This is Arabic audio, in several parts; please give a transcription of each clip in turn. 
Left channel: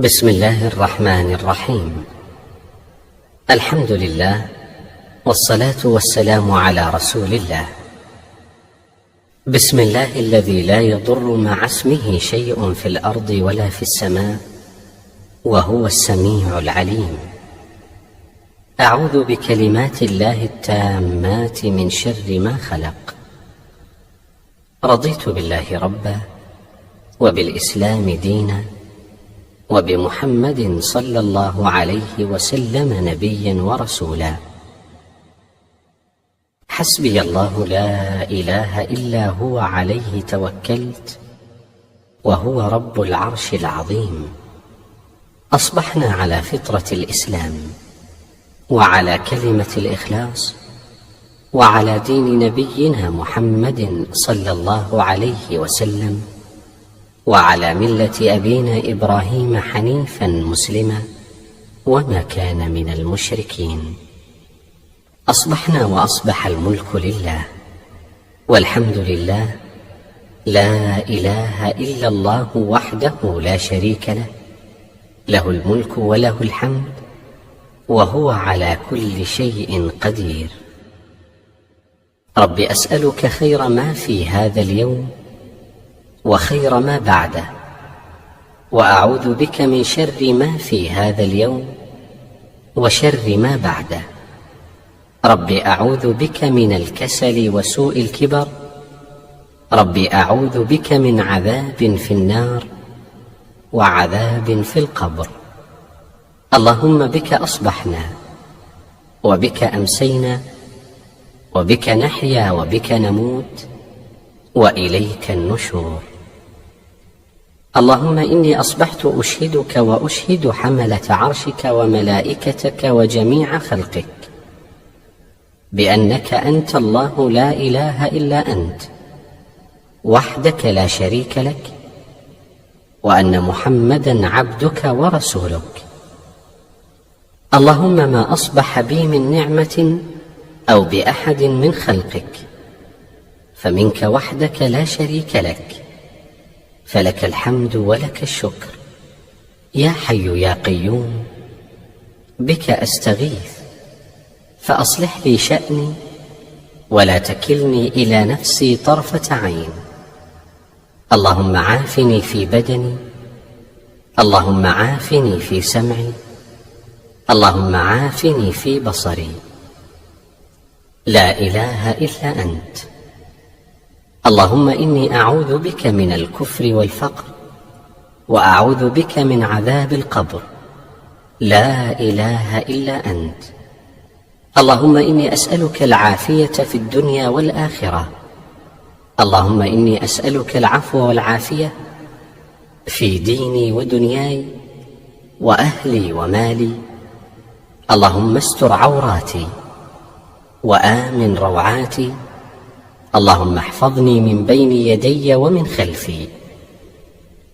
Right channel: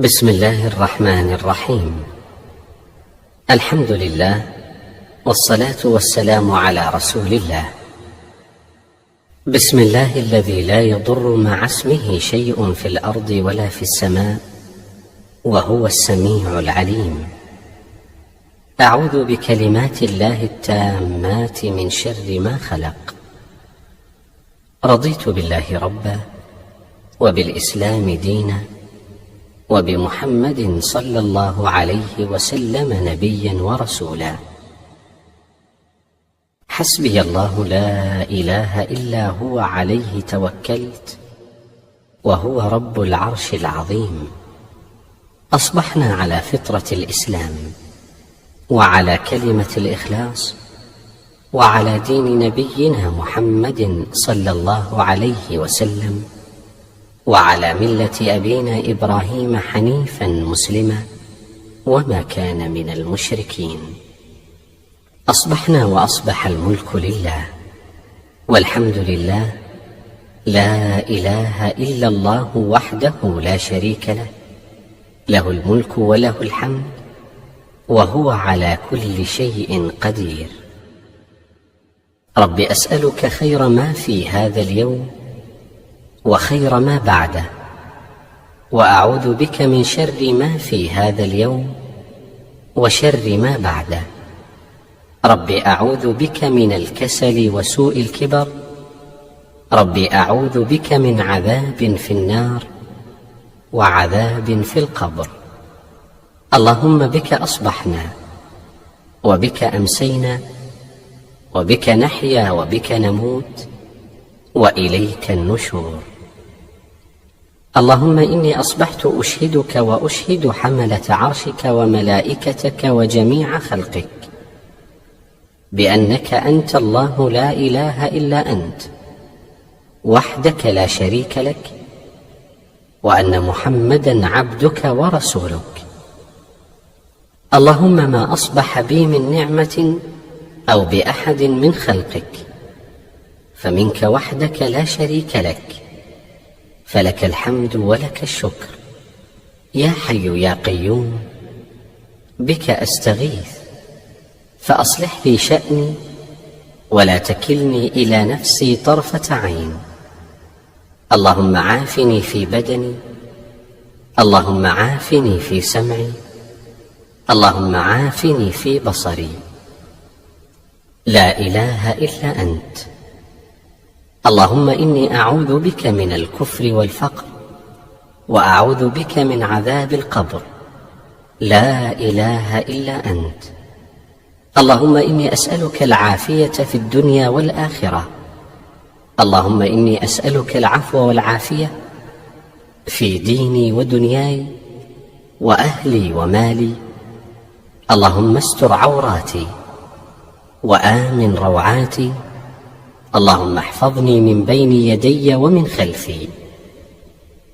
بسم الله الرحمن الرحيم. الحمد لله، والصلاة والسلام على رسول الله. بسم الله الذي لا يضر مع اسمه شيء في الأرض ولا في السماء، وهو السميع العليم. أعوذ بكلمات الله التامات من شر ما خلق. رضيت بالله ربا، وبالإسلام دينا، وبمحمد صلى الله عليه وسلم نبيا ورسولا. حسبي الله لا إله إلا هو، عليه توكلت، وهو رب العرش العظيم. أصبحنا على فطرة الإسلام، وعلى كلمة الإخلاص، وعلى دين نبينا محمد صلى الله عليه وسلم، وعلى ملة أبينا إبراهيم حنيفا مسلما، وما كان من المشركين. أصبحنا وأصبح الملك لله، والحمد لله، لا إله إلا الله وحده لا شريك له، له الملك وله الحمد، وهو على كل شيء قدير. رب أسألك خير ما في هذا اليوم، وخير ما بعده، وأعوذ بك من شر ما في هذا اليوم، وشر ما بعده. رب أعوذ بك من الكسل وسوء الكبر. رب أعوذ بك من عذاب في النار، وعذاب في القبر. اللهم بك أصبحنا، وبك أمسينا، وبك نحيا، وبك نموت، وإليك النشور. اللهم إني أصبحت أشهدك وأشهد حملة عرشك وملائكتك وجميع خلقك بأنك أنت الله لا إله إلا أنت، وحدك لا شريك لك، وأن محمدا عبدك ورسولك. اللهم ما أصبح بي من نعمة أو بأحد من خلقك فمنك وحدك لا شريك لك، فلك الحمد ولك الشكر. يا حي يا قيوم، بك أستغيث، فأصلح لي شأني، ولا تكلني إلى نفسي طرفة عين. اللهم عافني في بدني، اللهم عافني في سمعي، اللهم عافني في بصري. لا إله إلا أنت. اللهم إني أعوذ بك من الكفر والفقر، وأعوذ بك من عذاب القبر. لا إله إلا أنت. اللهم إني أسألك العافية في الدنيا والآخرة. اللهم إني أسألك العفو والعافية في ديني ودنياي، وأهلي ومالي. اللهم استر عوراتي، وآمن روعاتي. اللهم احفظني من بين يدي ومن خلفي،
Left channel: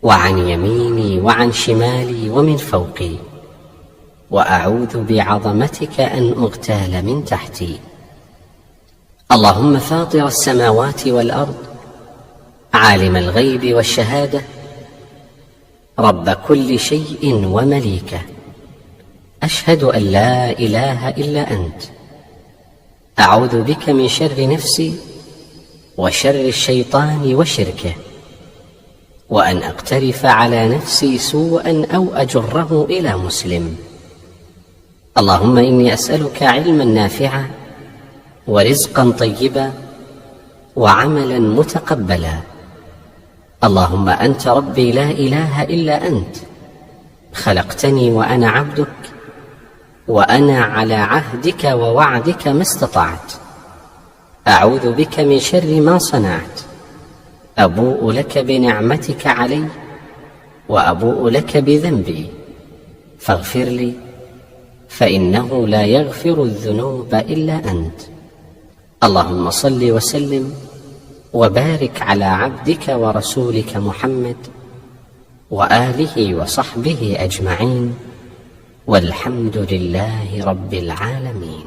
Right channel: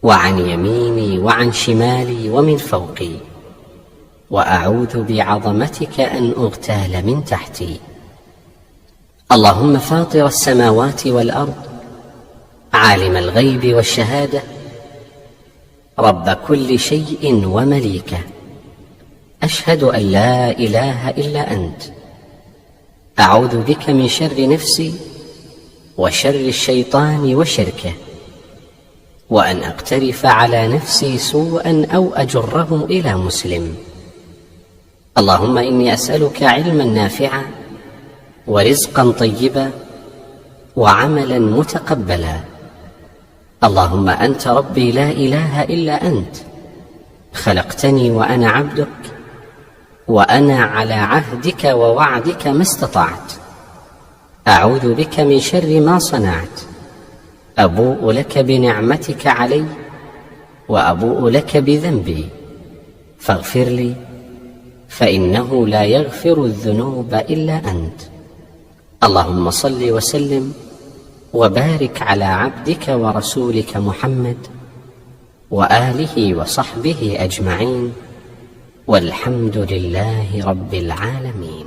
وعن يميني وعن شمالي ومن فوقي، وأعوذ بعظمتك أن أغتال من تحتي. اللهم فاطر السماوات والأرض، عالم الغيب والشهادة، رب كل شيء ومليكه، أشهد أن لا إله إلا أنت. أعوذ بك من شر نفسي، وشر الشيطان وشركه، وأن أقترف على نفسي سوءا أو أجره إلى مسلم. اللهم إني أسألك علما نافعا، ورزقا طيبا، وعملا متقبلا. اللهم أنت ربي لا إله إلا أنت، خلقتني وأنا عبدك، وأنا على عهدك ووعدك ما استطعت. أعوذ بك من شر ما صنعت. أبوء لك بنعمتك علي، وأبوء لك بذنبي، فاغفر لي، فإنه لا يغفر الذنوب إلا أنت. اللهم صل وسلم وبارك على عبدك ورسولك محمد، وآله وصحبه أجمعين، والحمد لله رب العالمين.